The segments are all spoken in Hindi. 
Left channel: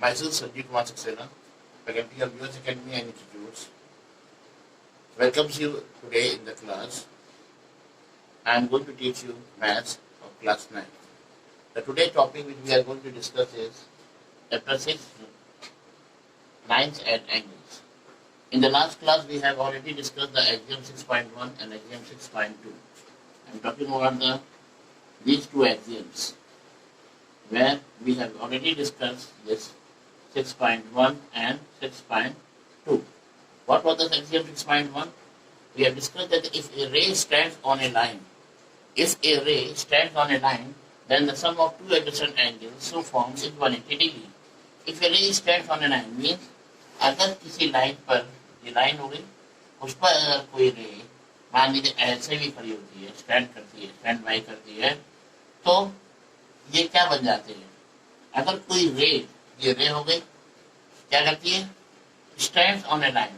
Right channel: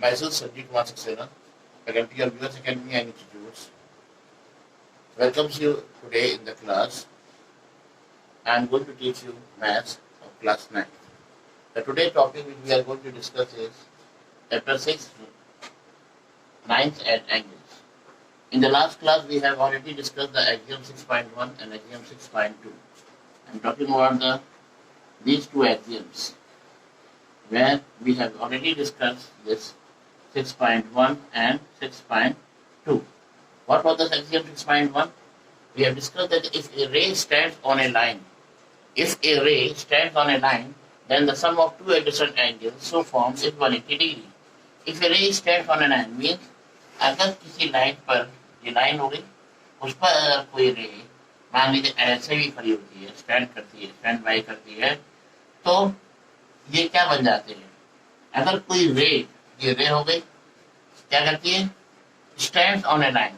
Myself, Sanjeev Kumar Saxena, faculty of US Academy and Institutes, welcomes you today in the class. I am going to teach you maths of class 9. The today topic which we are going to discuss is chapter 6, lines and angles. In the last class, we have already discussed the axiom 6.1 and axiom 6.2. I am talking about these two axioms, where we have already discussed this 6.1 and 6.2. What was the axiom 6.1? We have discussed that if a ray stands on a line, then the sum of two adjacent angles so forms is 180 degree. If a ray stands on a line means अगर किसी लाइन पर, ये लाइन हो गई, उस पर कोई रे मान लीजिए ऐसे भी खड़ी होती है, स्टैंड बाई करती है, तो ये क्या बन जाते हैं? अगर कोई रे, ये रे हो गई, क्या करती है? Stand on A line,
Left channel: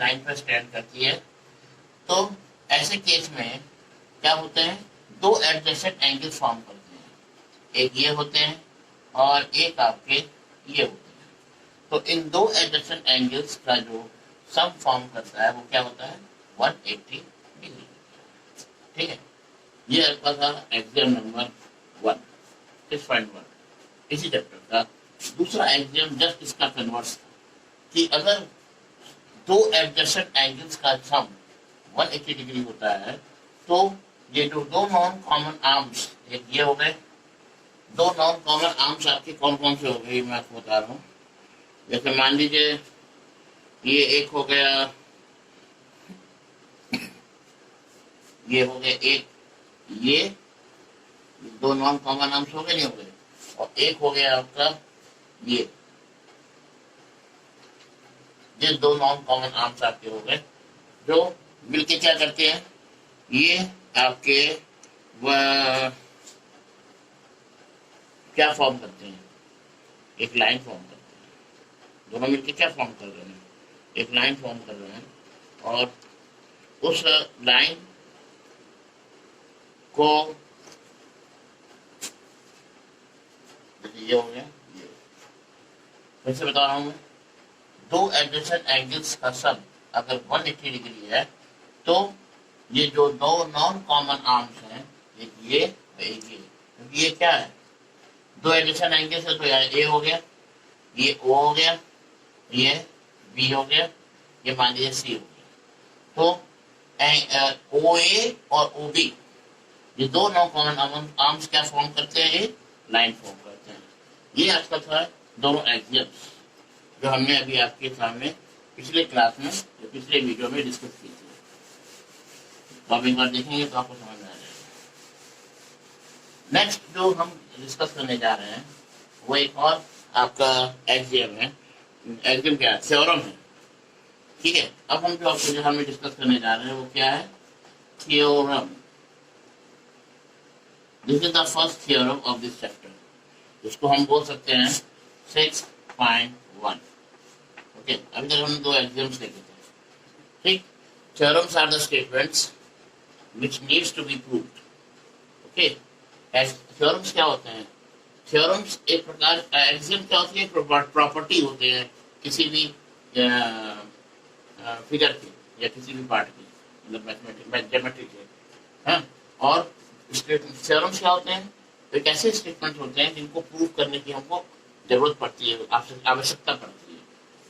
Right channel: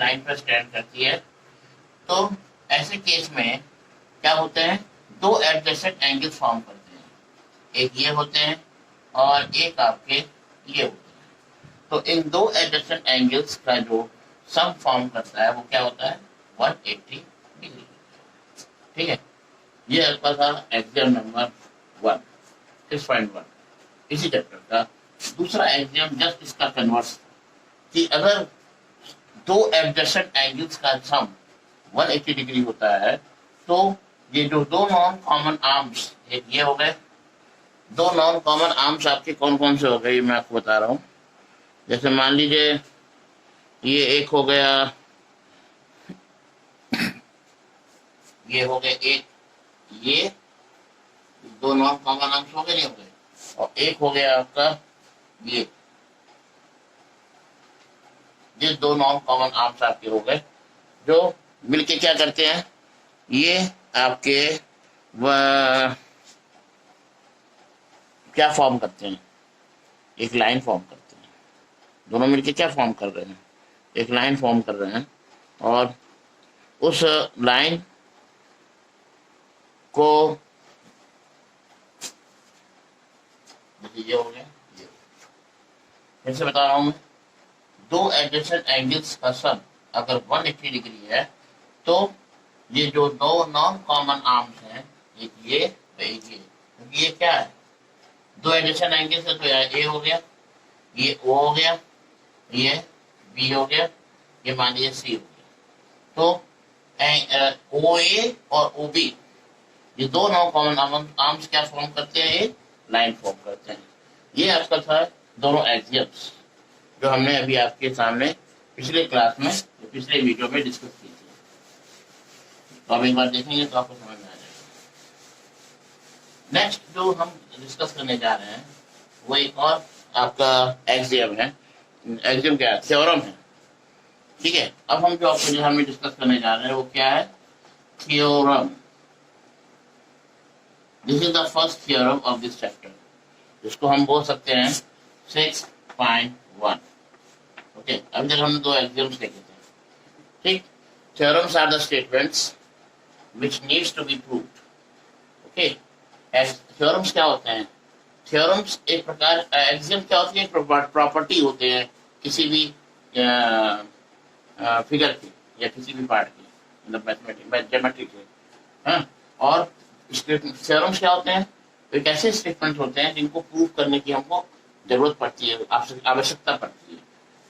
line पर स्टैंड करती है। तो ऐसे केस में क्या होते हैं? दो एडजेसेंट एंगल फॉर्म करते हैं, एक ये होते हैं और एक आपके ये होते हैं। तो इन दो एडजेसेंट एंगल्स का जो सम फॉर्म करता है वो क्या होता है? 180 डिग्री। ठीक है, ये आपका था एग्जाम नंबर 1, 6.1। इसी चैप्टर का दूसरा एग्जाम जस्ट इसका कन्वर्स कि अगर दो एडजेसेंट एंगल्स का सम 180 डिग्री होता है, तो ये जो दो नॉन कॉमन आर्म्स, एक ये हो गए, दो नॉन कॉमन आर्म्स आपके कौन कौन से हो गए मैं आपको बता रहा हूं। जैसे मान लीजिए ये एक हो गया, ये हो गया एक, ये दो नॉन कॉमन आर्म्स हो गए, नहीं हो गए, और एक हो गया आपका ये दो नॉन कॉमन आर्म्स आपके हो गए, जो मिलके क्या करते हैं? ये आपके क्या फॉर्म करते हैं? एक लाइन फॉर्म करते हैं। दोनों मिलके क्या फॉर्म कर रहे हैं? एक लाइन फॉर्म कर रहे हैं, और उस लाइन को ये हो गया, ये फिर से बता रहा हूं मैं, दो एडजेसेंट एंगल्स का सम अगर 180 डिग्री है, तो ये जो दो नॉन कॉमन आर्म्स हैं, एक ये और एक ये क्या है? दो एडजेसेंट एंगल्स है, तो ए हो गया, ये ओ हो गया, ये बी हो गया, ये मान लीजिए सी हो गया। तो ओ ए और ओ बी, ये दो नॉन कॉमन आर्म्स क्या फॉर्म करते हैं? ये लाइन फॉर्म करते हैं। ये आपका था दोनों एक्सियम्स जो हमने अभी आपके सामने पिछले क्लास में, पिछले वीडियो में डिस्कस की थी। तो अब एक बार देखेंगे तो आपको समझ में आ जाएगा। नेक्स्ट जो हम डिस्कस करने जा रहे हैं वो एक और आपका एक्सियम है। एक्सियम क्या है? थ्योरम है। ठीक है, अब हम जो आपको सामने डिस्कस करने जा रहे हैं वो क्या है? Theorem. This is the first theorem of this chapter, जिसको हम बोल सकते हैं 6.1। ओके, अभी तक हमने दो एक्सियम्स देखे थे। ठीक, theorems are the statements which needs to be proved. Okay, theorems क्या होते हैं? थ्योरम्स एक प्रकार, एक्सियम क्या होती है? प्रॉपर्टी होते हैं किसी भी फिगर के या किसी भी पार्ट के, मतलब मैथमेटिक्स ज्योमेट्री के। हाँ, और थ्योरम्स क्या होते हैं? एक ऐसे स्टेटमेंट होते हैं जिनको प्रूव करने की हमको जरूरत पड़ती है, आवश्यकता पड़ती है।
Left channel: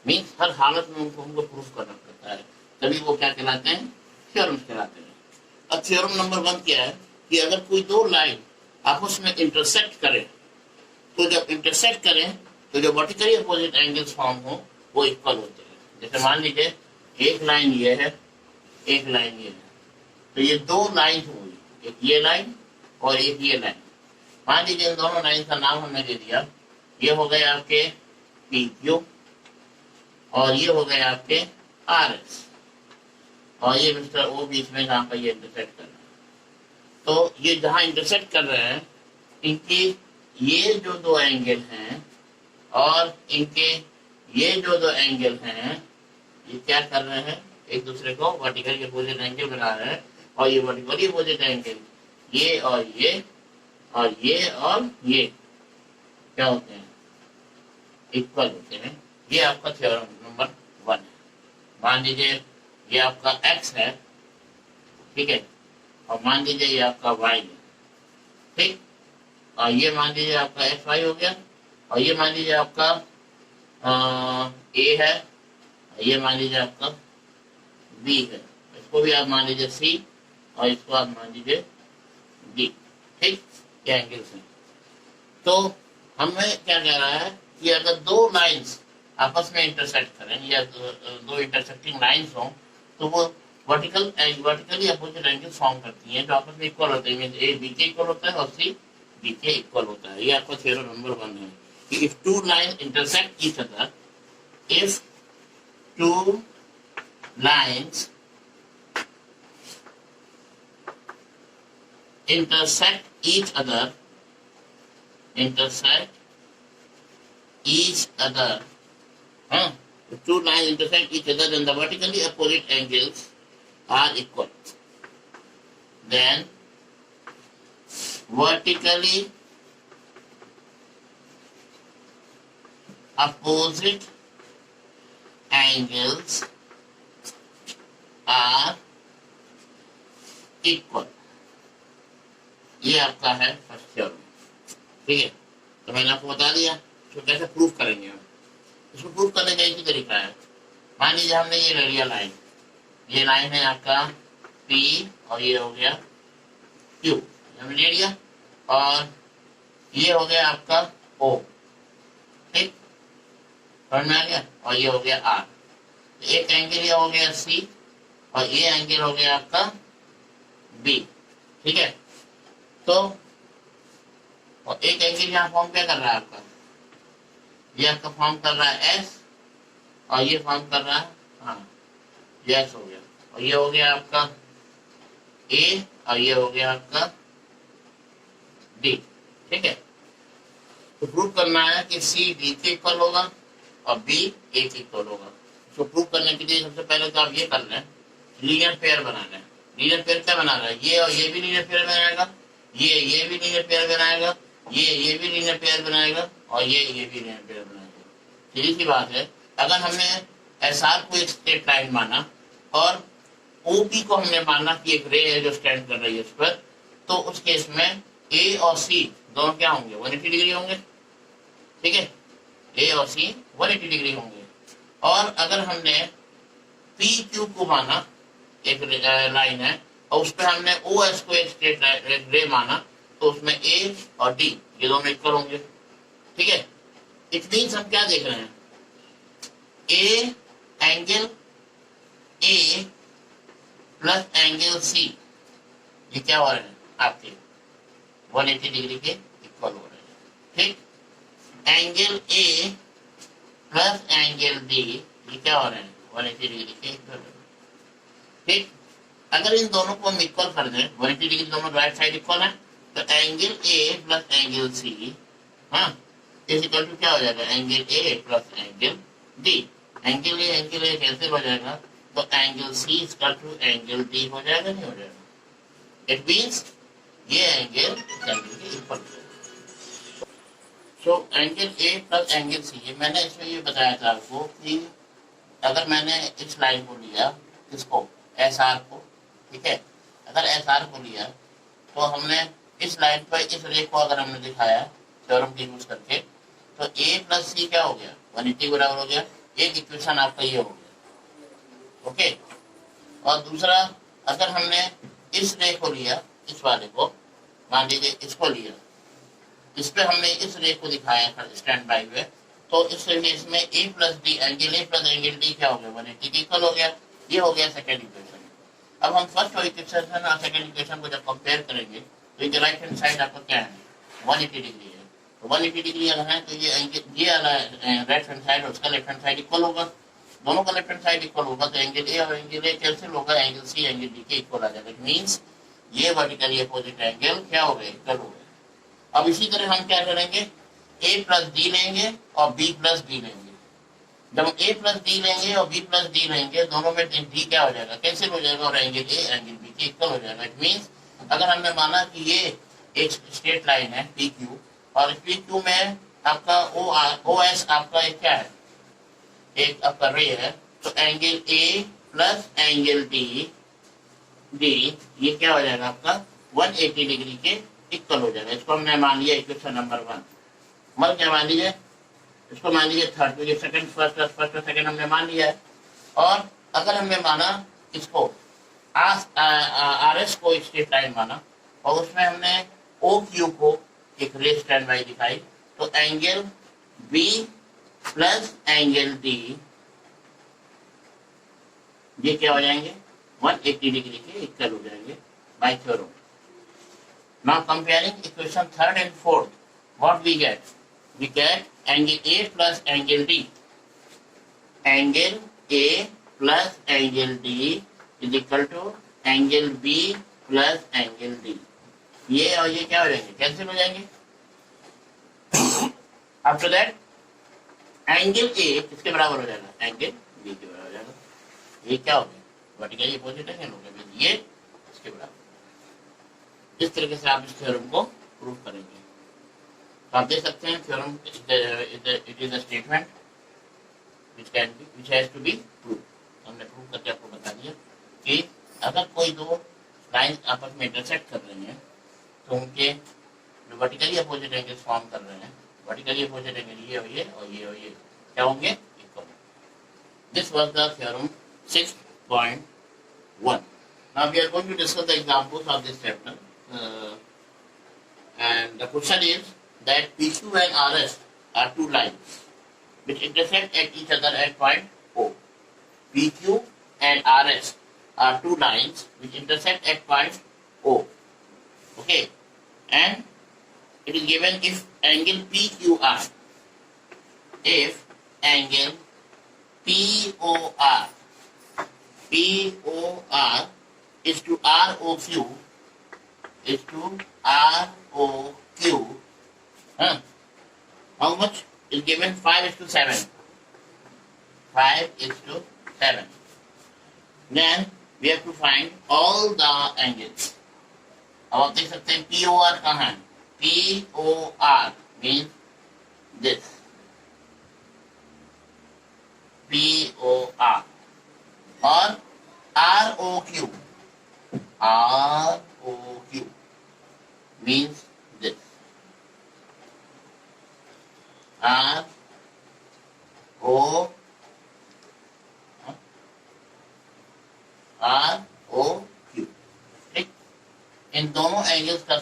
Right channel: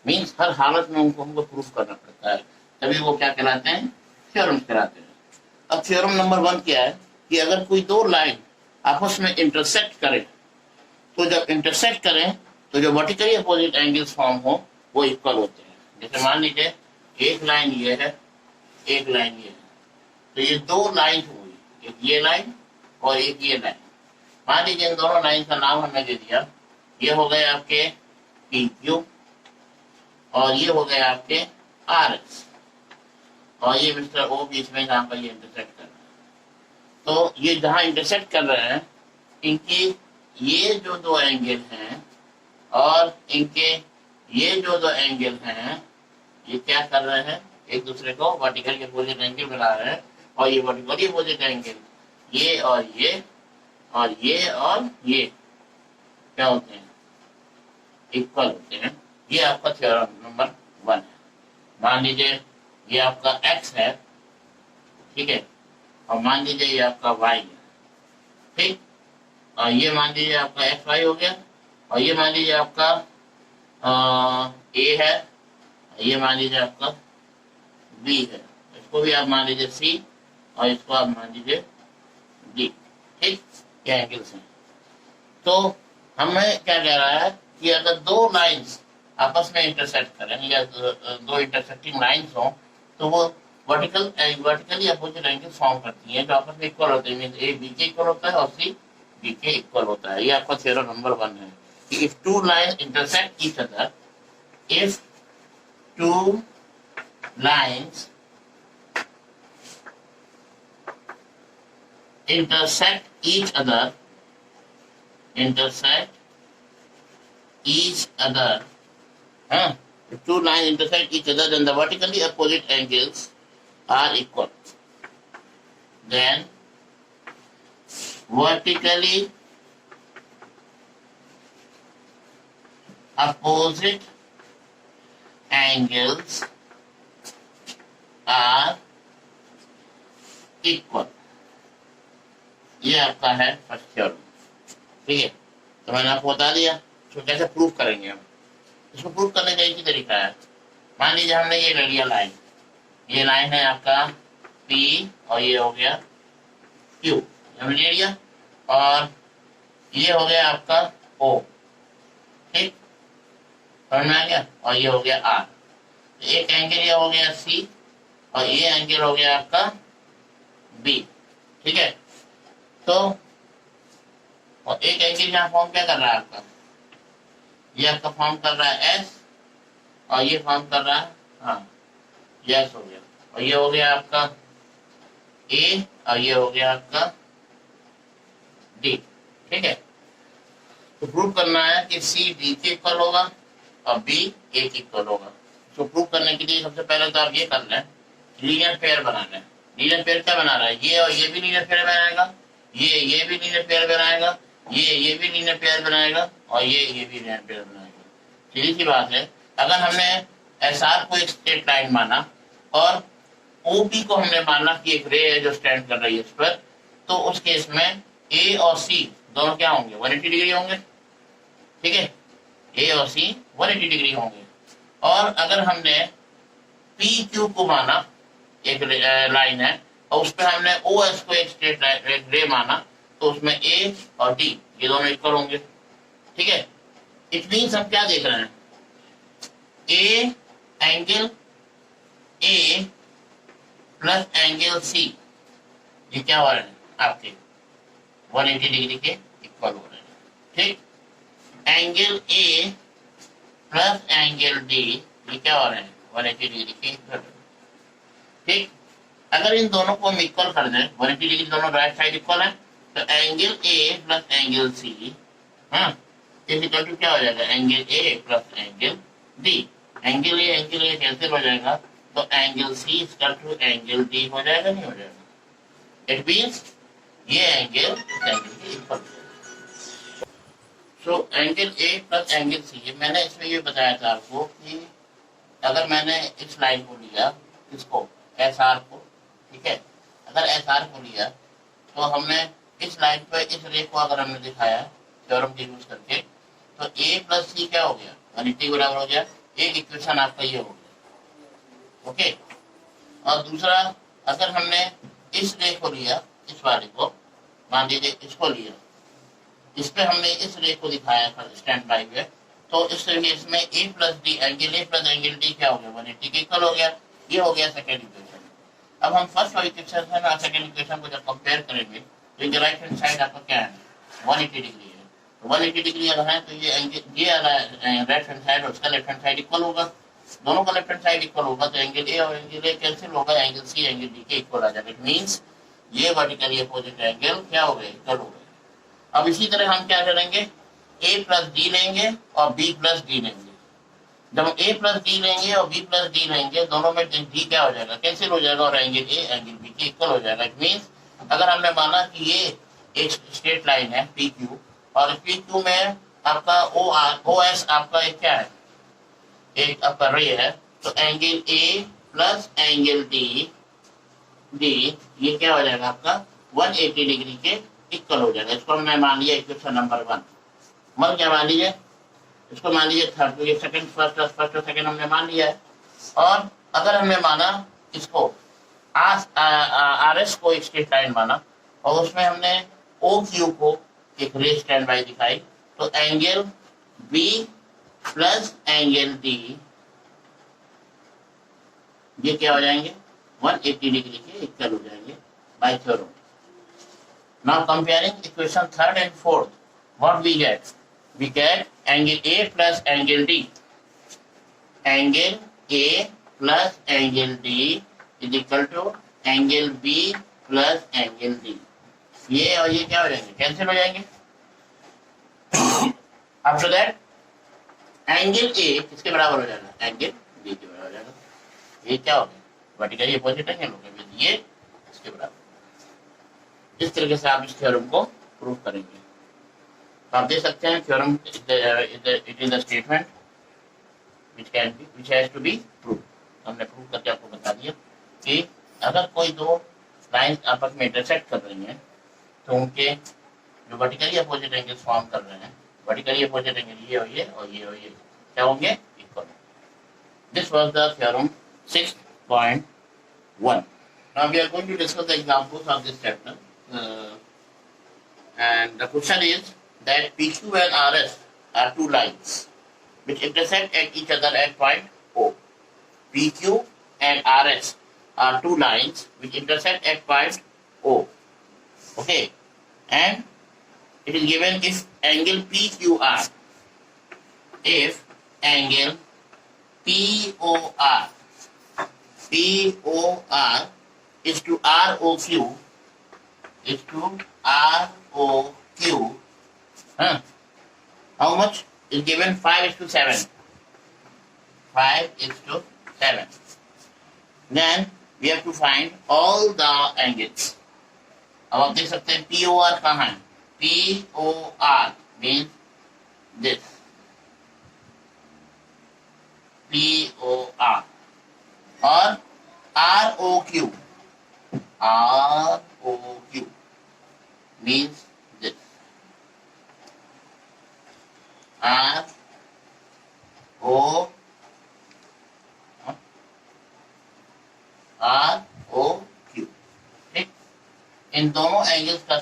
मीन्स हर हालत में उनको हमको प्रूव करना पड़ता है, तभी वो क्या कहलाते हैं? थ्योरम्स कहलाते हैं। अब थ्योरम नंबर 1 क्या है कि अगर कोई दो लाइन आपस में इंटरसेक्ट करें, तो जब इंटरसेक्ट करें तो जो वर्टिकली अपोजिट एंगल्स फॉर्म हो वो इक्वल होते हैं। जैसे मान लीजिए एक लाइन ये है, एक लाइन ये है, तो ये दो लाइन हुई, एक ये लाइन और एक ये लाइन। मान लीजिए इन दोनों लाइन का नाम हमने दे दिया, ये हो गए आपके पी क्यू और ये हो गए आपके आर एस, और ये मिस्टर ओ बीच में जहां पर ये इंटरसेक्ट कर रहे हैं। तो ये जहां इंटरसेक्ट कर रहे हैं, इनकी ये जो दो एंगल हैं और इनके ये जो दो एंगल हैं, ये क्या कर रहे हैं? एक दूसरे को वर्टिकल अपोजिट एंगल बना रहे हैं, और ये वर्टिकल अपोजिट एंगल ये और ये और ये और ये क्या होते हैं? इक्वल होते हैं। ये आपका थ्योरम नंबर 1 है। मान लीजिए ये आपका x है, ठीक है, और मान लीजिए ये आपका y है, ठीक, और ये मान लीजिए आपका एक्स वाई हो गया, और ये मान लीजिए आपका ए है, ये मान लीजिए आपका बी है, इसको भी आप मान लीजिए सी, और इसको आप मान लीजिए डी, ठीक, ये एंगल्स हैं। तो हमें क्या कह रहा है कि अगर दो लाइंस आपस में इंटरसेक्ट करें या दो इंटरसेक्टिंग लाइंस हो, तो वो वर्टिकली अपोजिट एंगल फॉर्म करती हैं जो आपस में इक्वल होते हैं। ए बी के इक्वल होता है और सी बी के इक्वल होता है। ये आपका थ्योरम नंबर 1 है कि if two line intersect each other, if two lines intersect each other, huh? If two lines intersect each other, then the vertically opposite angles are equal. Then vertically opposite angles are equal. ये आपका है फर्स्ट थ्योरम, ठीक है। तो मैंने आपको बता दिया इसको कैसे प्रूव करेंगे हम। इसको प्रूव करने का एक ही तरीका है। मान लीजिए हमने ये ले लिया लाइन, ये लाइन है आपका P और ये हो गया Q, हमने ले लिया, और ये हो गया आपका O, ठीक, समझ में आ गया, और ये हो गया R। एक एंगल ये हो गया C और ये एंगल हो गया आपका B, ठीक है। तो और एक एंगल यहाँ फॉर्म क्या कर रहा है आपका, ये आपका फॉर्म कर रहा है S, और ये फॉर्म कर रहा है, हाँ, ये S हो गया, और ये हो गया आपका A, और ये हो गया आपका D, ठीक है। तो प्रूव करना है कि C D के इक्वल होगा और B A के इक्वल होगा। तो प्रूव करने के लिए सबसे पहले तो आप ये कर लें, लीनियर पेयर बना लें। लीनियर पेयर क्या बना रहा है, ये और ये भी लीनियर पेयर बनाएगा, ये भी लीनियर पेयर बनाएगा, ये भी लीनियर पेयर बनाएगा, और ये भी लीनियर पेयर बनाएगा। सीधी सी बात है, अगर हमने एसआर को एक स्ट्रेट लाइन माना और ओपी को हमने माना कि एक रे है जो स्टैंड कर रही है उस पर, तो उस केस में ए और सी दोनों क्या होंगे, 180 डिग्री होंगे, ठीक है, ए और सी 180 डिग्री होंगे। और अगर हमने पी क्यू को माना, एक लाइन है, और उस पर हमने ओ एस को एक स्ट्रेट रे माना, तो उसमें ए और डी ये दोनों इक्वल होंगे, ठीक है। इट मीन्स हम क्या देख रहे हैं, a angle A plus angle C, ये क्या हो रहे हैं आपके 180 डिग्री के इक्वल हो रहे हैं, ठीक। Angle A plus angle D ये क्या हो रहे हैं 180 डिग्री के इक्वल, ठीक। अगर इन दोनों को हम इक्वल कर दें, 180 डिग्री दोनों राइट साइड इक्वल है, तो angle A plus angle C, हाँ, इज इक्वल टू क्या हो जाएगा, angle A plus angle D. Angle A cancel हो जाएगा, तो angle C is equal to angle D हो जाएगा, नहीं हो जाएगा। इट मीन्स ये एंगल इस एंगल के इक्वल है। तो angle A plus angle C, मैंने इसमें ये बताया था आपको कि अगर मैंने इस लाइन को लिया, इसको एस आर को, ठीक है, अगर एस आर को लिया तो हमने इस लाइन पर इस रे को अगर हमने दिखाया थ्योरम के यूज करके, तो ए प्लस सी क्या हो गया 180 बराबर हो गया। एक इक्वेशन आपका ये हो गया, ओके। और दूसरा, अगर हमने इस रे को लिया, इस वाले को मान लीजिए इसको लिया, इस पे हमने इस रे को दिखाया था स्टैंड बाई में, तो इस केस में A plus D angle A plus angle D क्या हो गया 180 के इक्वल हो गया। ये हो गया सेकेंड इक्वेशन। अब हम फर्स्ट इक्वेशन और सेकेंड इक्वेशन को जब कंपेयर करेंगे, तो ये राइट हैंड साइड आपका क्या है 180 डिग्री है, तो 180 डिग्री अगर है तो ये राइट हैंड साइड और उसका लेफ्ट हैंड साइड इक्वल होगा, दोनों का लेफ्ट हैंड साइड इक्वल होगा, तो एंगल ए और एंगल ए कैंसिल होगा, एंगल सी एंगल डी के इक्वल आ जाएगा। इट मीन्स ये वर्टिकली अपोजिट एंगल क्या हो गए, इक्वल हो गए। अब इसी तरह हम क्या करेंगे, ए प्लस डी लेंगे और बी प्लस डी लेंगे। जब ए प्लस डी लेंगे और बी प्लस डी लेंगे, दोनों में डी क्या हो जाएगा, कैंसिल हो जाएगा, और एंगल ए एंगल बी के इक्वल हो जाएगा। इट मीन्स अगर हमने माना कि ये एक स्ट्रेट लाइन है पी क्यू, और पी क्यू में आपका ओ एस आपका एक क्या है, एक आपका रे है, तो angle A plus angle D D ये क्या हो जाएगा आपका 180 डिग्री के इक्वल हो जाएगा। इसको हमने मान लिया इक्वेशन नंबर 1। मतलब क्या मान लीजिए, इसको मान लीजिए थर्ड, तो ये सेकंड फर्स्ट और सेकंड हमने मान लिया है। और अगर हमने माना इसको आर एस को स्ट्रेट लाइन माना और उसमें हमने ओ क्यू को एक रे स्टैंड बाई दिखाई, तो angle B plus angle D ये क्या हो जाएंगे 180 डिग्री के इक्वल हो जाएंगे by theorem. Now comparing equation third and fourth, what we get? We get angle A plus angle D. Angle A plus angle D is equal to angle B plus angle D. ये और ये क्या हो जाएंगे, कैंसिल हो जाएंगे। आफ्टर दैट एंगल A किसके बराबर हो जाएगा, एंगल B के बराबर हो जाएगा। ये क्या हो गया, वर्टिकली अपोजिट एंगल हो गया, ये इसके बराबर। इस तरीके से आप इस थ्योरम को प्रूव करेंगे। तो आप देख सकते हैं theorem it is a statement which has to be proved। हमने प्रूव करके आपको बता दिया कि अगर कोई दो लाइन आपस में इंटरसेक्ट कर रही हैं तो उनके जो वर्टिकली अपोजिट एंगल फॉर्म कर रहे हैं, वर्टिकली अपोजिट एंगल ये और ये और ये और ये क्या होंगे, equal. This was the theorem 6.1। Now we are going to discuss the examples of this chapter and the question is that PQ and RS are two lines which intersect at each other at point O. PQ and RS are two lines which intersect at point O. Okay, and it is given if angle PQR, if angle POR is to ROQ, is to ROQ, how much is given? 5:7. 5:7. Then we have to find all the angles. अब आप देख सकते हैं POR कहाँ है, POR means this, POR, और ROQ means this, ROQ। ठीक, इन दोनों एंगल्स का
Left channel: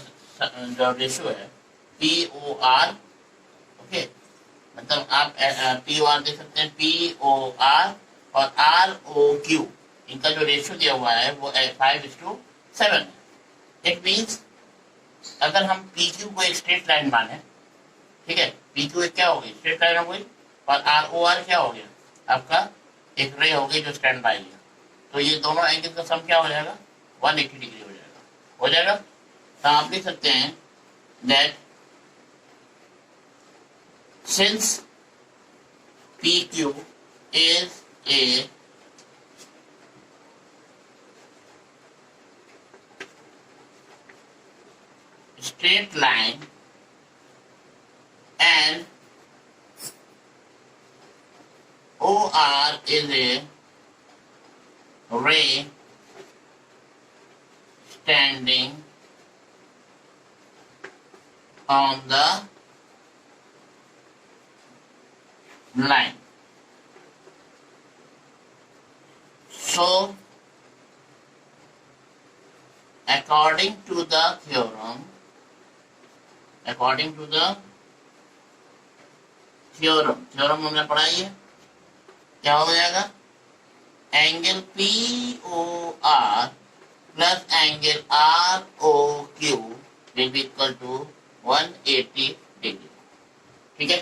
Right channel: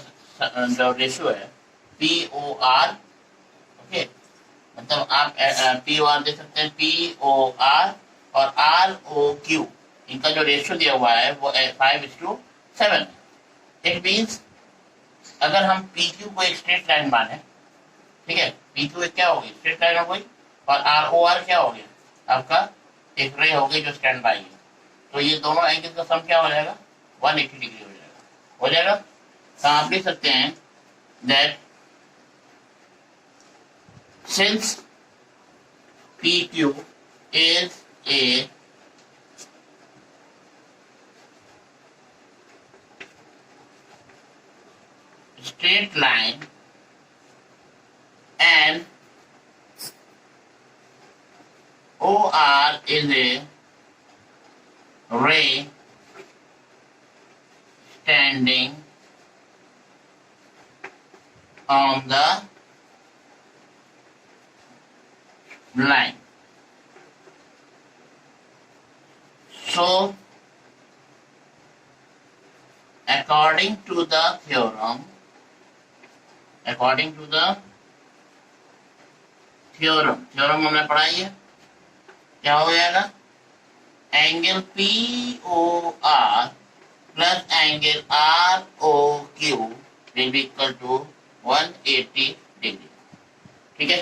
जो रेशियो है POR, ओके, मतलब आप POR देख सकते हैं, POR और ROQ इनका जो रेशियो दिया हुआ है वो 5:7। इट मीन्स अगर हम PQ को एक स्ट्रेट लाइन माने, ठीक है, PQ एक क्या हो गई, स्ट्रेट लाइन हो गई, और ROR क्या हो गया, आपका एक रे हो गई जो स्टैंड बाई है, तो ये दोनों एंगल का सम क्या हो जाएगा, 180 डिग्री हो जाएगा। तो आप लिख सकते हैं that since PQ is a straight line and OR is a ray standing on the line. So, according to the theorem, theorem हमने पढ़ाई है, क्या हो जाएगा, angle POR plus angle ROQ will be equal to 180 degree. ठीक है,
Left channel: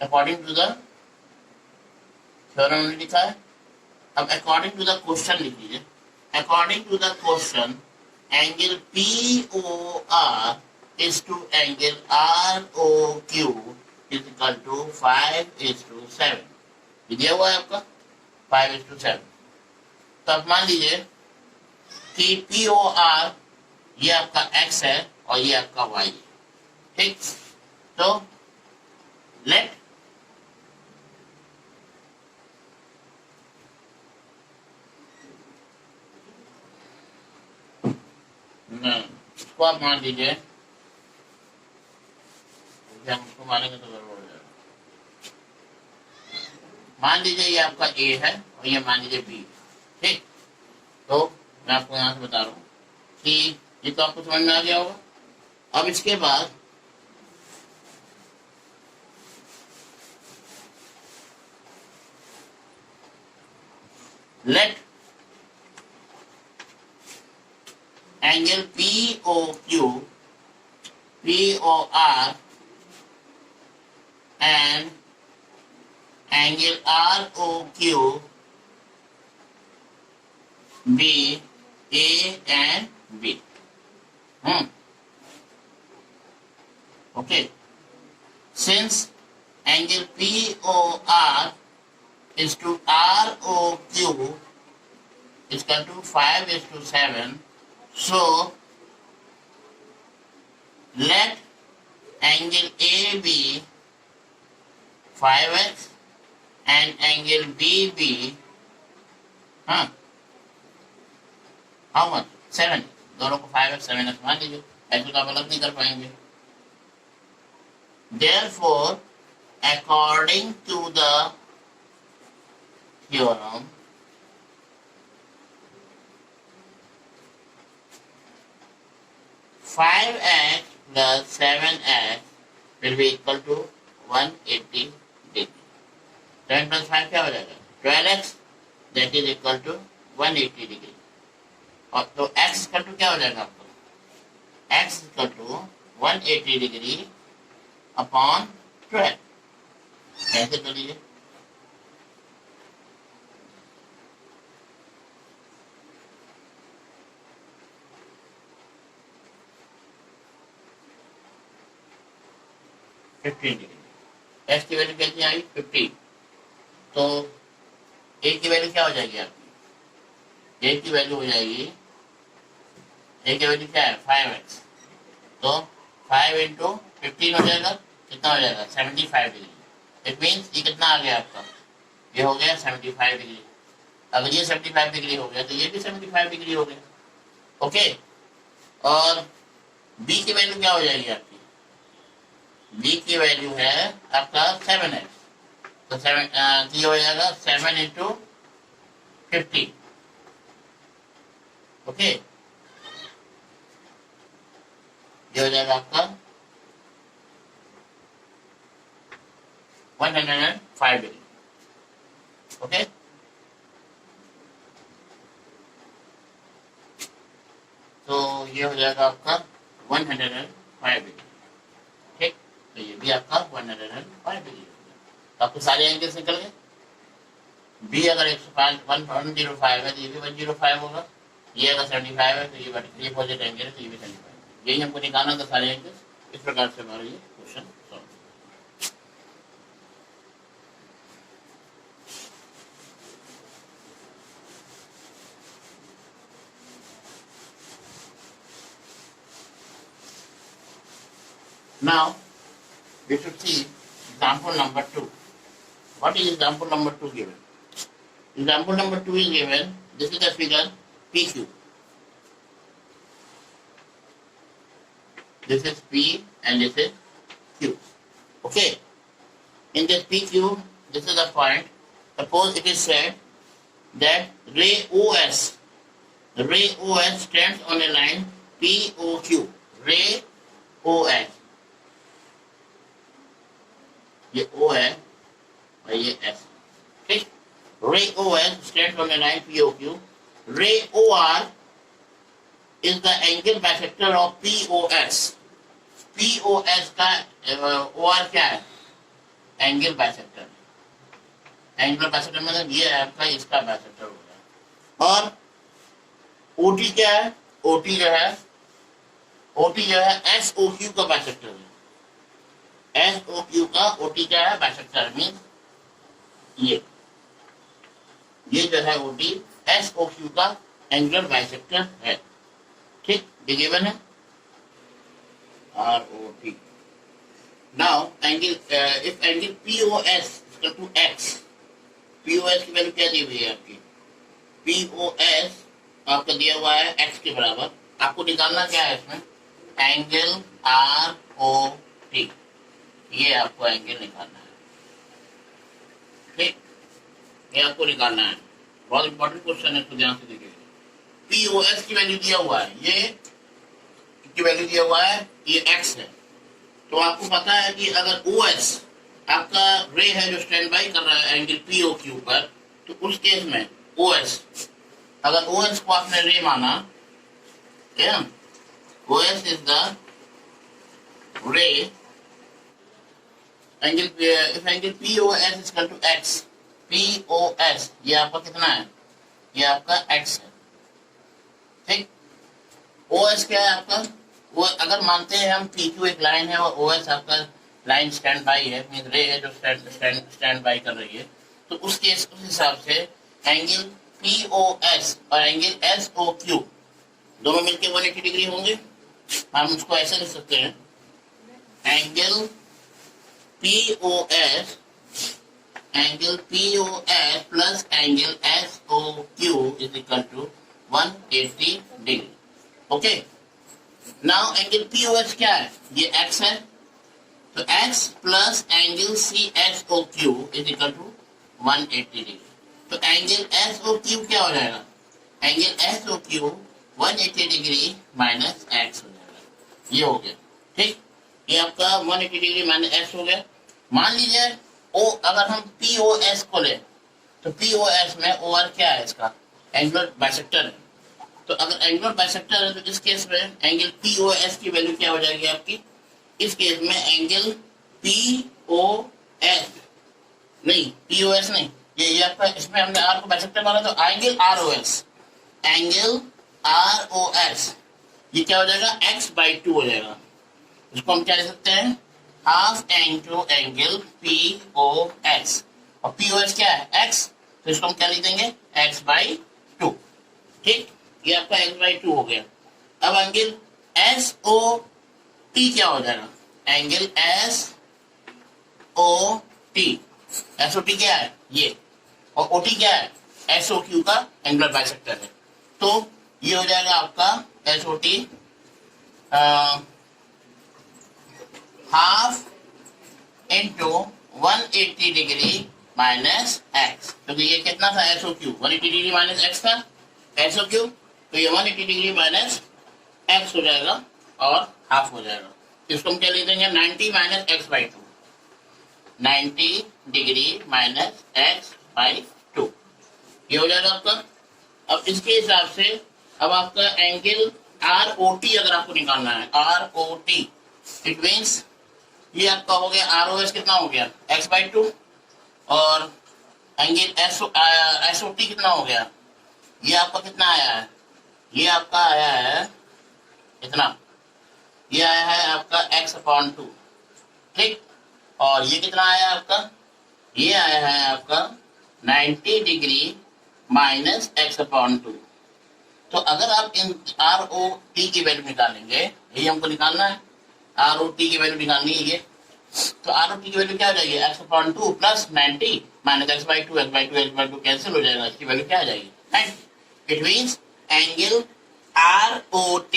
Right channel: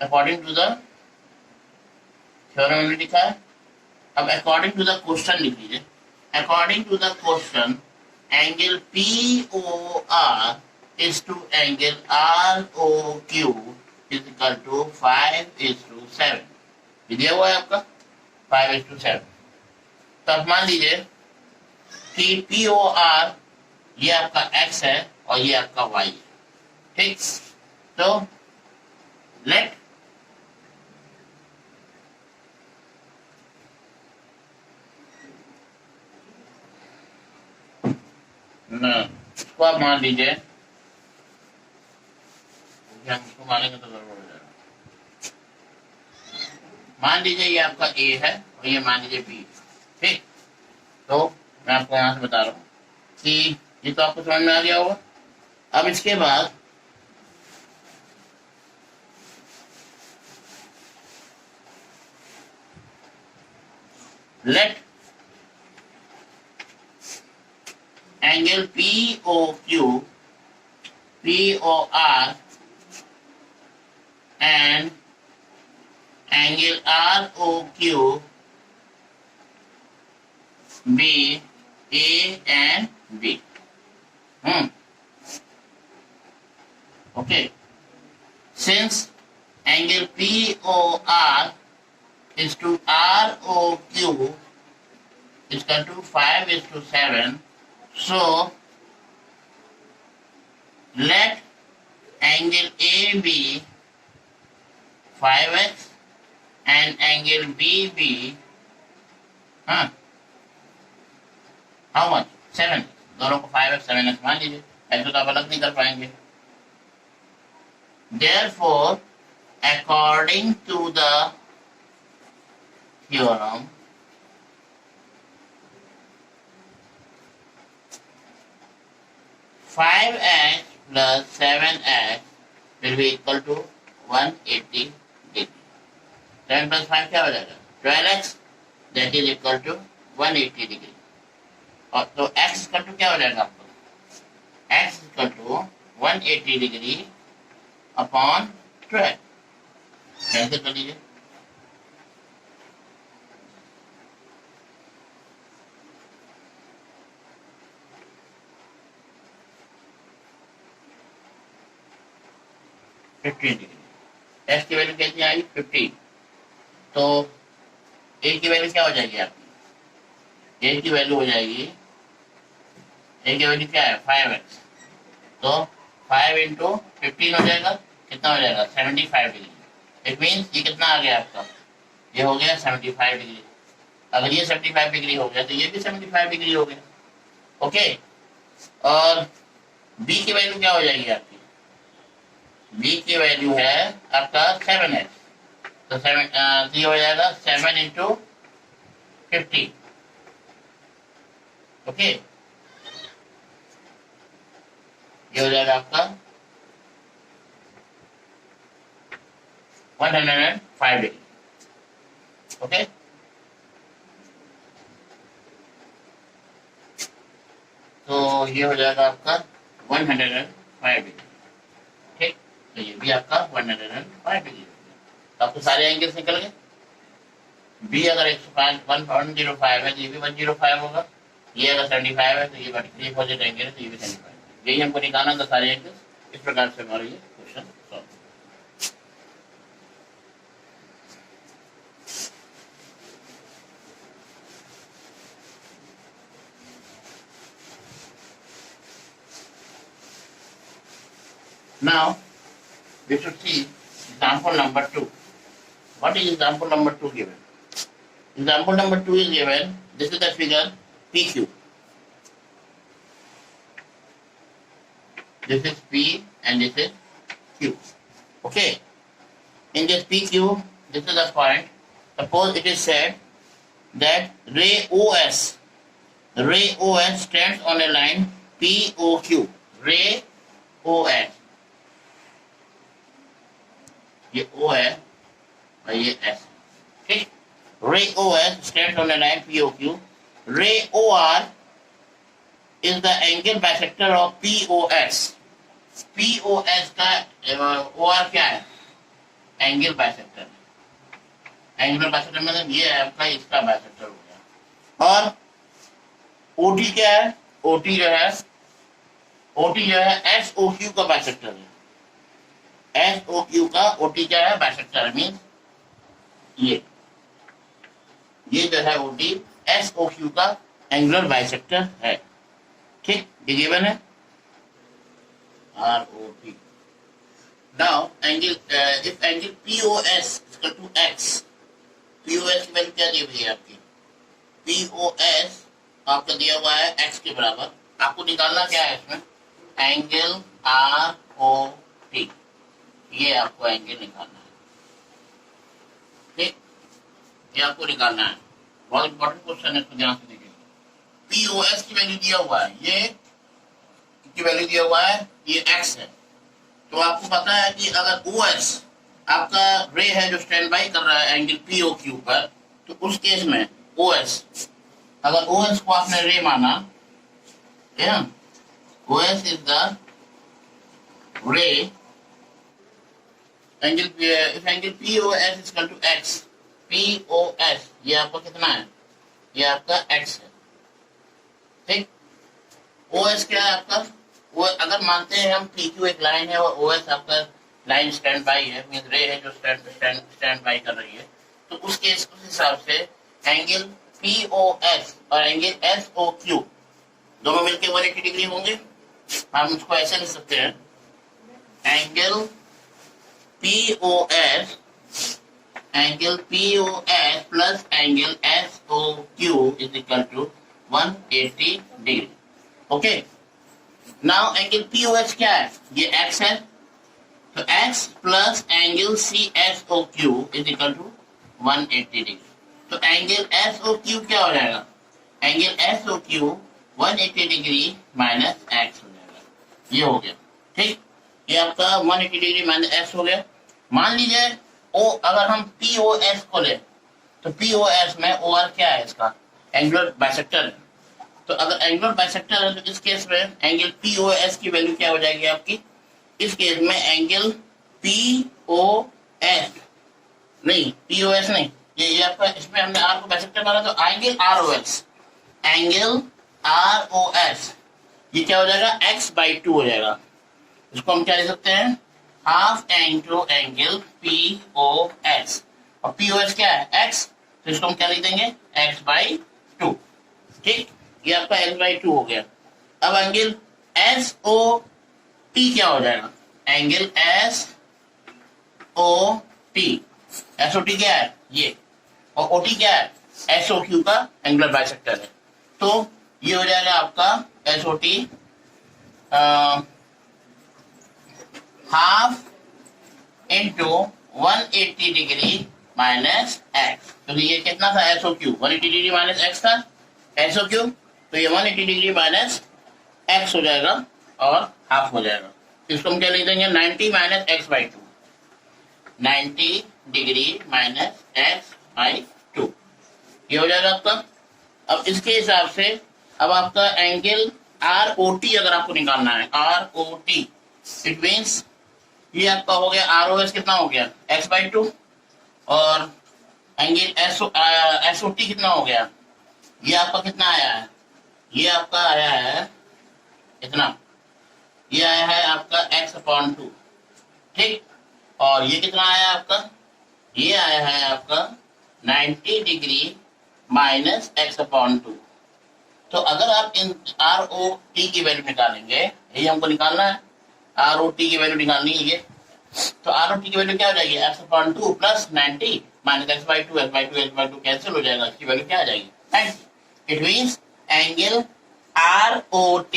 अकॉर्डिंग टू द थ्योरम हमने लिखा है। अब अकॉर्डिंग टू द क्वेश्चन लिख लीजिए, according to the question angle POR is to angle ROQ is equal to 5:7। दिया हुआ है आपका 5:7। तो अब मान लीजिए कि POR ये आपका x है और ये आपका y है, ठीक। तो लेट इसको आप मान लीजिए, हम इसको मानेंगे तो गड़बड़ हो जाएगा। मान लीजिए ये आपका a है और ये मान लीजिए b, ठीक। तो मैं आपको यहां से बता रहा हूँ कि ये तो आपको समझ में आ गया होगा। अब इसके बाद let angle POQ, POR and angle ROQ be A and B. Okay. Since angle POR is to ROQ is equal to 5:7, so let angle AB 5x and angle BB how much? 7। दोनों को 5x 7x मान लीजिए, ऐसे तो आप अलग नहीं कर पाएंगे। Therefore, according to the theorem, five x plus 7x will be equal to 180 degree. 7 plus 5 क्या हो जाएगा? 12x, that is equal to 180 degree. और तो x इक्वल टू क्या हो जाएगा आपको? x equal to 180 degree upon 12। कैसे कर लीजिए? x की वैल्यू कैसी आई? 50। तो a की वैल्यू क्या हो जाएगी आपकी? a की वैल्यू हो जाएगी, a की वैल्यू क्या है? 5x। तो 5 इंटू 15 हो जाएगा, कितना हो जाएगा? 75 डिग्री। इट मीन्स ये कितना आ गया आपका? ये हो गया 75 डिग्री। अगर ये 75 डिग्री हो गया तो ये भी 75 डिग्री हो गया। ओके। और b की वैल्यू क्या हो जाएगी आपकी? b की वैल्यू है आपका 7x। तो 7 ये हो जाएगा 7 इंटू 50। ओके, ये हो जाएगा आपका 105 डिग्री। ओके, तो ये हो जाएगा आपका 105 डिग्री। ठीक, तो ये भी आपका 105 डिग्री। तो आपको सारे एंगल्स निकल गए। बी अगर 105 है तो ये भी 105 होगा। ये अगर 75 है तो ये अपोजिट एंगल है तो ये भी 75। यही हमको निकालना था सारे एंगल्स। इस प्रकार से हमारा ये question solve. Now we should see example number 2. What is example number 2 given? Example number 2 is given. This is the figure PQ. This is P and this is Q. Okay. In this PQ, this is the point. Suppose it is said that ray OS stands on a line POQ. Ray OS. ये O है और ये S। ठीक, ray OS stands on a line POQ. Ray OR is the angle bisector of POS. POS का OR क्या है? Angle bisector. एंगल बाइसेक्टर मतलब ये है आपका, इसका बाइसेक्टर हो गया। और OT क्या है? OT जो है SOQ का बाइसेक्टर है। SOQ का OT क्या है? बाइसेक्टर। मीन्स ये जो है OT SOQ का एंगुलर बाइसेक्टर है। ठीक, ये गिवन है। ROT. Now angle if angle POS is equal to X, POS की वैल्यू क्या दी हुई है आपकी? POS आपका दिया हुआ है X के बराबर. आपको निकालना क्या है इसमें? Angle ROT. ये आपको एंगल निकालना है. ठीक, ये आपको निकालना है. बहुत इंपॉर्टेंट क्वेश्चन है, तो ध्यान से देखिए. POS की वैल्यू दिया हुआ है, ये की वैल्यू दिया हुआ है, ये X है. तो आपको पता है कि अगर OS आपका रे है जो स्टैंड बाई कर रहा है एंगल POQ पर, तो उस केस में OS, अगर OS को आपने रे माना, OS is the ray, angle if angle POS is equal to X, POS ये आपका कितना है? ये आपका X है. ठीक, OS क्या है आपका? वो अगर मानते हैं हम PQ एक लाइन है और OS आपका लाइन स्टैंड बाई है, मीन रे है जो स्टैंड बाई कर रही है, तो उस हिसाब से एंगल POS और एंगल SOQ दोनों मिलकर 180 डिग्री होंगे. हम उसको ऐसे लिख सकते हैं, angle POS plus angle SOQ is equal to 180 degree. Okay, now angle POS क्या है? ये X है, तो X plus angle CSOQ is equal to 180 degree. तो एंगल SOQ क्या हो जाएगा? Angle SOQ 180 degree minus X हो जाएगा. ये हो गया. ठीक, ये आपका 180 डिग्री माइनस X हो गया. मान लीजिए अगर हम POS को ले, तो POS में OR क्या है? इसका एंगुलर बाइसेक्टर है. तो अगर एंगुलर बाइसेक्टर है तो इस केस में एंगल POS की वैल्यू क्या हो जाएगी आपकी? इस केस में एंगल POS नहीं, POS नहीं, ये आपका, इसमें हमने R को बाइसेक्टर माना, तो एंगल ROS ये क्या हो जाएगा? X/2 हो जाएगा. इसको हम क्या लिख सकते हैं? हाफ इंटू एंगल POS, और POS क्या है? X, तो इसको हम क्या लिख देंगे? X/2. ठीक, ये आपका X/2 हो गया. अब एंगल SOT क्या हो जाएगा? एंगल SOT क्या है? ये, और OT क्या है? SOQ का एंगुलर बाइसेक्टर है. तो ये हो जाएगा आपका SOT half into 180 degree minus X. तो ये कितना था? SOQ 180 डिग्री माइनस X था SOQ, तो ये 180 डिग्री माइनस X हो जाएगा और हाफ हो जाएगा. तो इसको हम क्या लिख देंगे? 90 minus X/2, 90 degree minus X/2. ये हो जाएगा आपका. अब इसके हिसाब से अब आपका एंगल ROT अगर आपको निकालना है, ROT इट मीन्स ये आपका हो गया ROS कितना हो गया? X/2, और एंगल SOT कितना हो गया? ये आपका कितना आया है? ये आपका आया है इतना, ये आया है आपका X/2. ठीक, और ये कितना आया आपका? ये आया है आपका 90 डिग्री माइनस X/2. तो अगर आप इन ROT की वैल्यू निकालेंगे, यही हमको निकालना है, ROT की वैल्यू निकालनी है ये. तो ROT की वैल्यू क्या हो जाएगी? X/2 plus 90 minus X/2 cancel हो जाएगा. इसकी वैल्यू क्या आ जाएगी? 90. It means angle ROT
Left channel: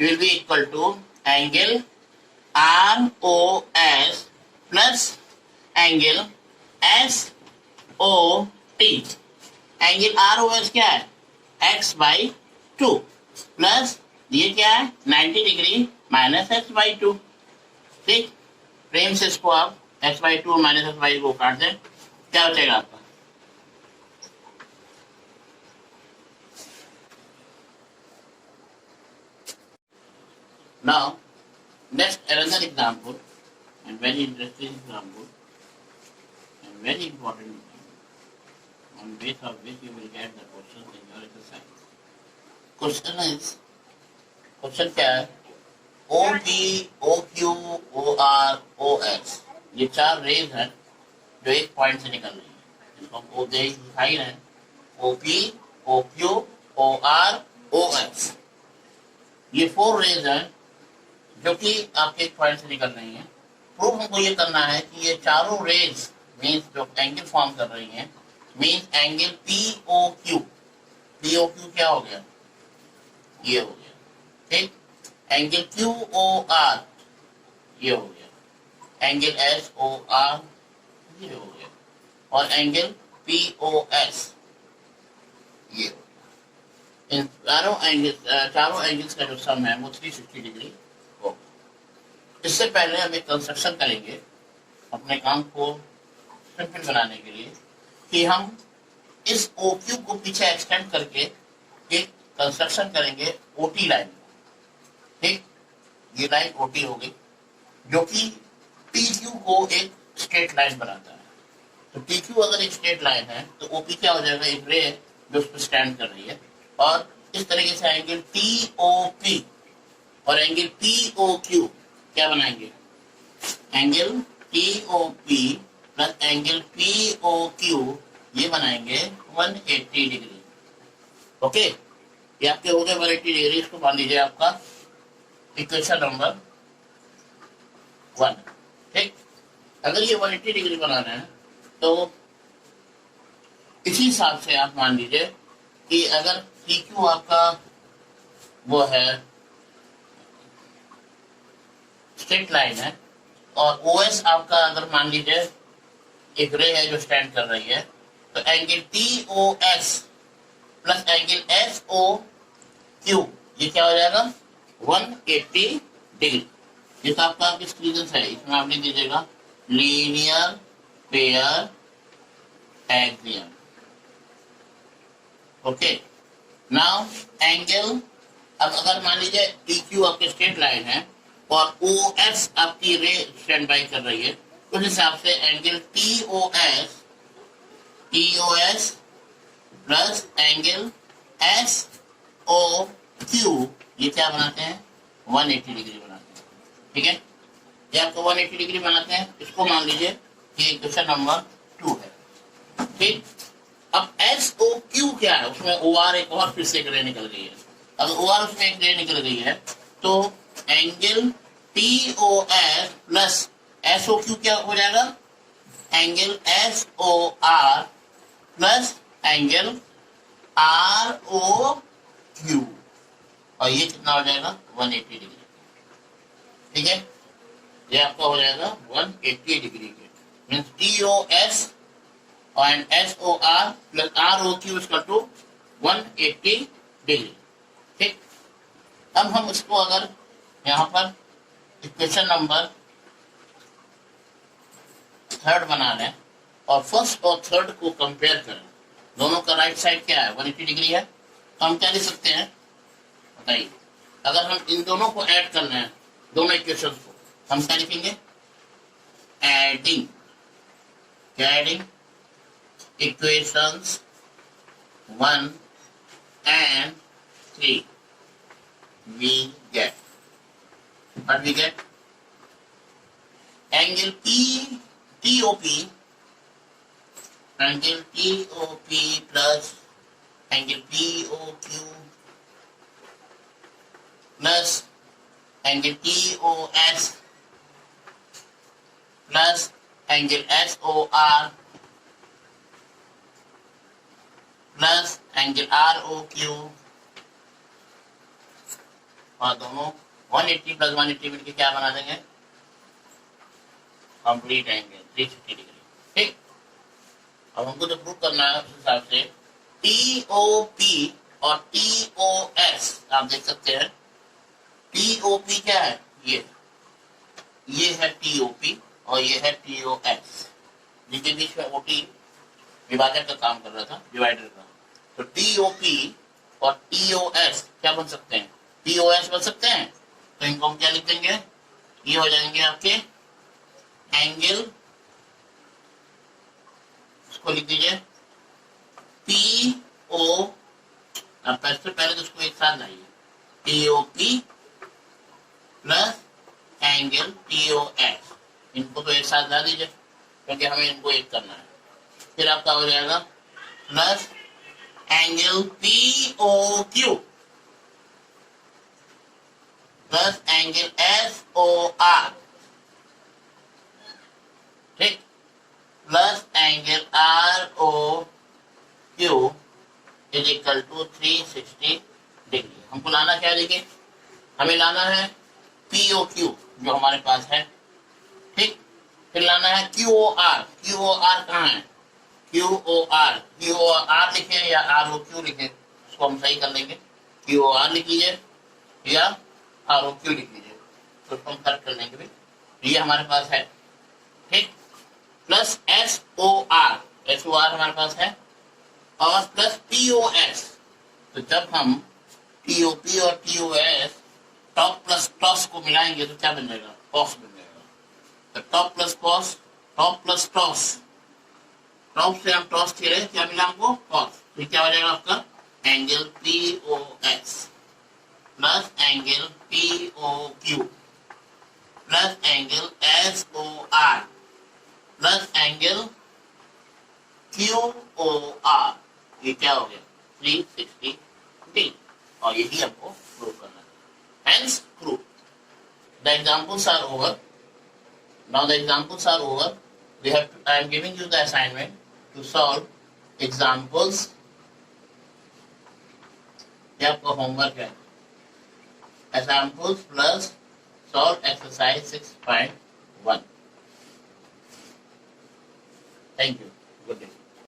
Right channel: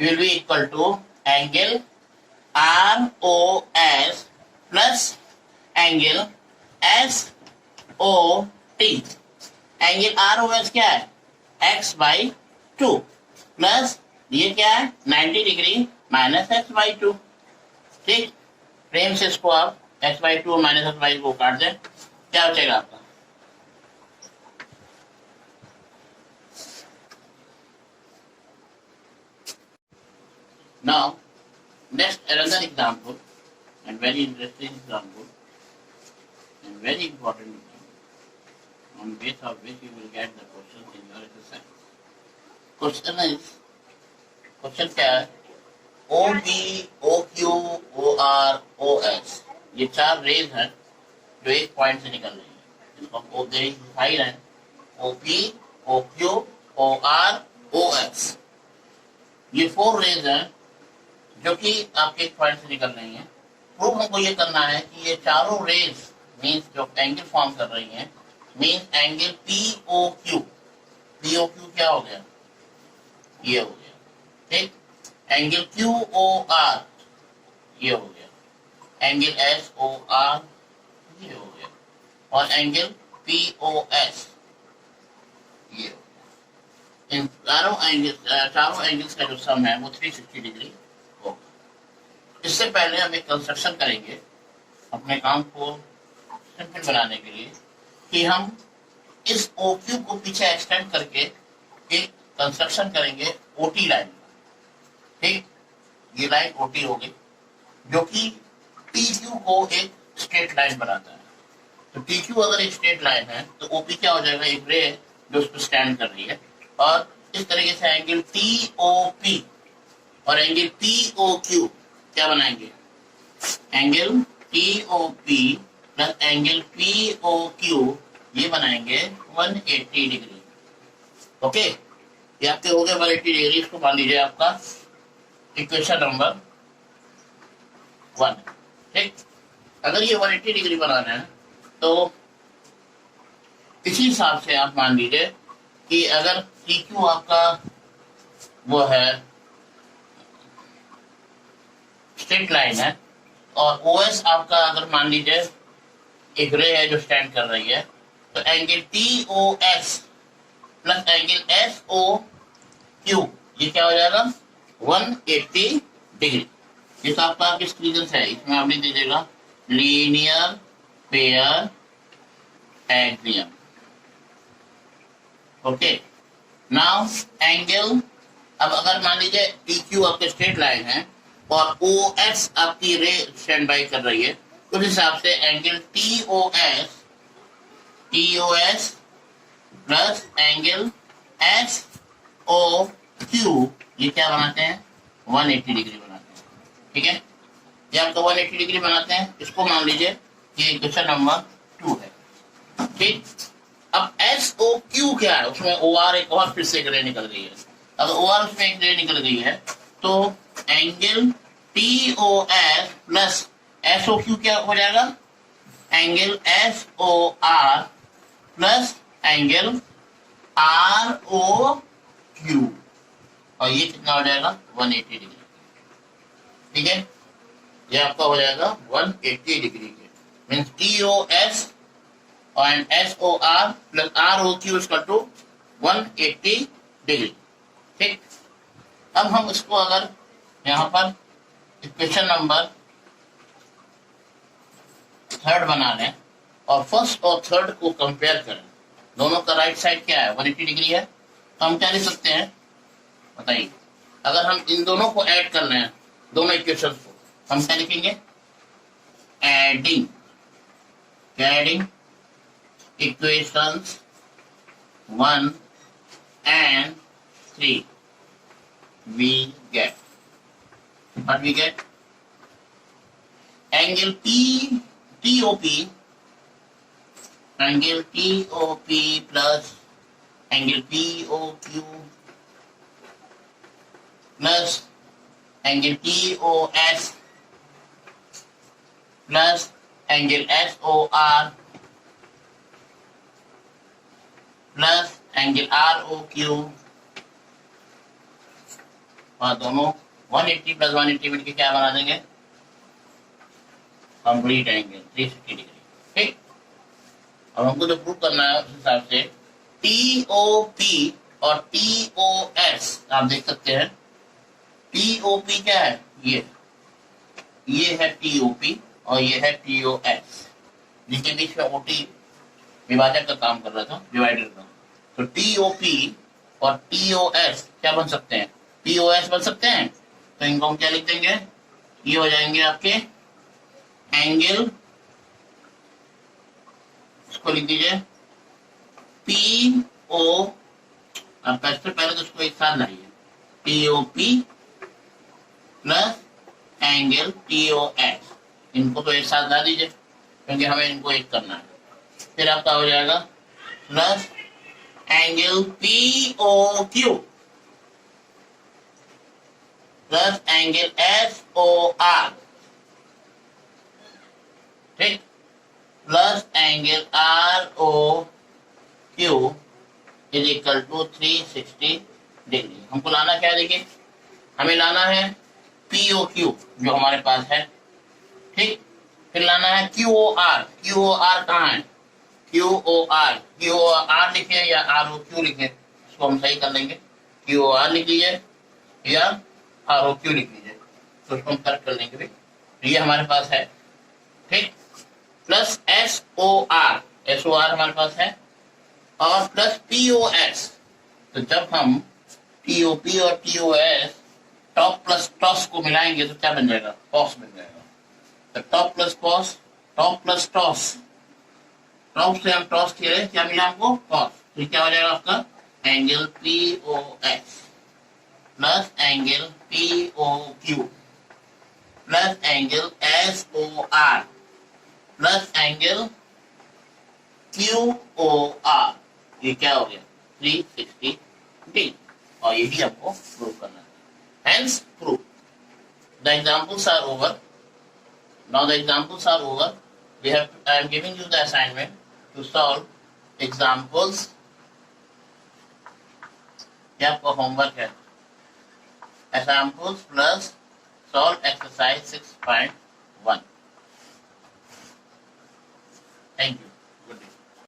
will be equal to angle ROS plus angle SOT. Angle ROS क्या है? X/2 प्लस ये क्या है? 90 डिग्री माइनस X/2. ठीक, प्रेम से इसको आप X/2 और माइनस X/2 को काट दें, क्या बचेगा आपका? Now, next another example, and very interesting example, and very important example, on base of which you will get the question in your exercise. Question क्या है? OP, OQ, OR, OS ये चार रेज हैं जो एक पॉइंट से निकल रही है. इनको हम दिखाई रहे हैं. OP, OQ, OR, OS ये 4 रेज हैं जो कि आपके पॉइंट से निकल रही है। प्रूफ हमको ये करना है कि ये चारों रेज मीन्स जो एंगल फॉर्म कर रही हैं means angle P O Q. P O Q क्या हो गया, ये हो गया, ठीक। एंगल क्यू ओ आर ये हो गया, एंगल एस ओ आर ये हो गया, और एंगल पी ओ एस ये हो गया। इन चारों एंगल्स का जो सम है वो 360 डिग्री होगा। इससे पहले हम एक कंस्ट्रक्शन करेंगे अपने काम को सिंपल बनाने के लिए कि हम इस ओ क्यू को पीछे एक्सटेंड करके एक कंस्ट्रक्शन करेंगे ओटी लाइन, ठीक। ये लाइन ओटी होगी जो कि टी क्यू को एक स्ट्रेट लाइन बनाता है। तो टी क्यू अगर एक स्ट्रेट लाइन है तो ओपी क्या हो जाएगा, एक रे जो उस पर स्टैंड कर रही है। और इस तरीके से एंगल टी ओ पी और एंगल पी ओ क्यू क्या बनाएंगे, angle T O P plus angle P O Q ये बनाएंगे 180 डिग्री। ओके, ये आपके हो गए 180 डिग्री। इसको मान लीजिए आपका इक्वेशन नंबर 1, ठीक। अगर ये 180 डिग्री बनाना है तो इसी हिसाब से आप मान लीजिए कि अगर पी क्यू आपका वो है स्ट्रेट लाइन है और ओ एस आपका अगर मान लीजिए एक रे है जो स्टैंड कर रही है, तो angle T O S plus angle S O Q ये क्या हो जाएगा 180 डिग्री। ये तो आपका किस रीजन से है, इसमें आप लिख दीजिएगा linear pair axiom. Okay, now angle, अब अगर मान लीजिए टी क्यू आपके स्ट्रेट लाइन है और ओ एस आपकी रे स्टैंड बाई कर रही है, उस हिसाब से angle T O S plus angle S O Q ये क्या बनाते हैं 180 डिग्री बनाते हैं, ठीक है। ये आपका 180 डिग्री बनाते हैं। इसको मान लीजिए कि क्वेश्चन नंबर 2 है, ठीक। अब एस ओ क्यू क्या है, उसमें ओ आर एक और फिर से एक रे निकल गई है। अगर ओ आर उसमें एक रे निकल गई है तो angle T O S plus S O Q क्या हो जाएगा, angle S O R plus angle R O Q, और ये कितना हो जाएगा 180 डिग्री, ठीक है। ये आपका हो जाएगा 180 डिग्री के means T O S and SOR plus ROQ is equal to 180 degree, ठीक। अब हम इसको अगर यहाँ पर इक्वेशन नंबर 3 बना लें और फर्स्ट और थर्ड को कंपेयर करें, दोनों का राइट साइड क्या है 180 डिग्री है, तो हम क्या लिख सकते हैं बताइए। अगर हम इन दोनों को ऐड कर लें, दोनों इक्वेशन को, हम क्या लिखेंगे एडिंग, क्या adding equations 1 and 3 we get what we get angle TOP angle TOP plus angle POQ plus angle TOS plus angle SOR plus angle R O Q, और दोनों 180 प्लस 180 मिलकर क्या बना देंगे कंप्लीट एंगल 360 डिग्री, ठीक। अब हमको जो प्रूव करना है उस हिसाब से टी ओ पी और टी ओ एस आप देख सकते हैं। टी ओ पी क्या है, ये है टी ओ पी और ये है टी ओ एस, जिसके बीच में ओटी विभाजक का काम कर रहा था, डिवाइडर का। तो टीओपी और टीओएस क्या बन सकते हैं, पीओएस बन सकते हैं। तो इनको हम क्या लिख देंगे, ये हो जाएंगे आपके एंगल, इसको लिख दीजिए पीओ, अब सबसे पहले तो इसको एक साथ लाइए, पीओपी प्लस एंगल टीओएस, इनको तो एक साथ ला दीजिए क्योंकि हमें इनको एक करना है। फिर आपका हो जाएगा plus angle P O Q plus angle S O R, ठीक, plus angle R O Q is equal to 360 degree. हमको लाना क्या है, देखिए हमें लाना है पीओ क्यू जो हमारे पास है, ठीक, फिर लाना है Q O R. Q O R कहाँ है, क्यू ओ आर लिखे या आर ओ क्यू लिखे, इसको हम सही कर लेंगे। क्यू ओ आर लिख लीजिए या आर ओ क्यू लिख लीजिए, तो उसको हम फर्क कर लेंगे भाई। ये हमारे पास है, ठीक, plus S O R, S O R हमारे पास है, और प्लस पी ओ एस। तो जब हम टी ओ पी और T O S top plus toss को मिलाएंगे तो क्या बन जाएगा, कॉस बन जाएगा। तो top plus cos, top plus toss, top से हम टॉस किए, क्या मिला हमको, कॉस। तो क्या हो जाएगा आपका angle P O S plus angle P O Q plus angle S O R plus angle Q O R, ये क्या हो गया 360 डिग्री। और यही हमको प्रूव करना है, hence prove. The examples are over, now the examples are over. I am giving you the assignment to solve examples, ये आपका होमवर्क है, examples plus solve exercise 6.1। Thank you.